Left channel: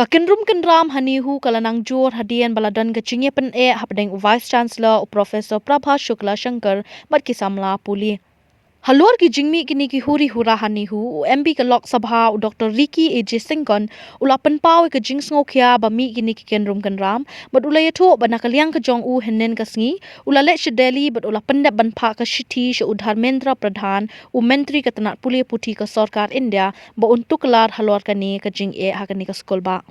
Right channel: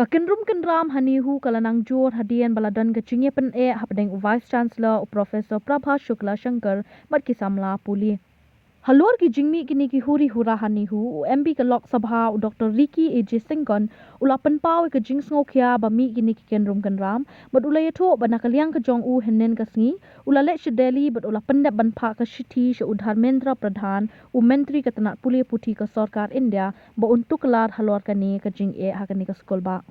Kakinrum kenram hanihu kalanang jor hadian baladan kecingnya pen hapdeng Vice Chancellor Professor Prabha Shukla Shankar mat kisamla puli. Halor ki jingmi kini ki Huri Hura hanihu MB ke Lok Sabha Dr. Ricky AJ Singkon ulapan pau ke jing Sngewkhia bami kini ki kenrum kenram bat ulai tho banakaliang ke jong u henen kasngi ulale shedeli bat ulapan dap banpa ke shiti she udharmendra pradhan menteri ke tanat puli puti ke sarkar India ba untuk kelar halor kani ke jing hakani ke skol ba.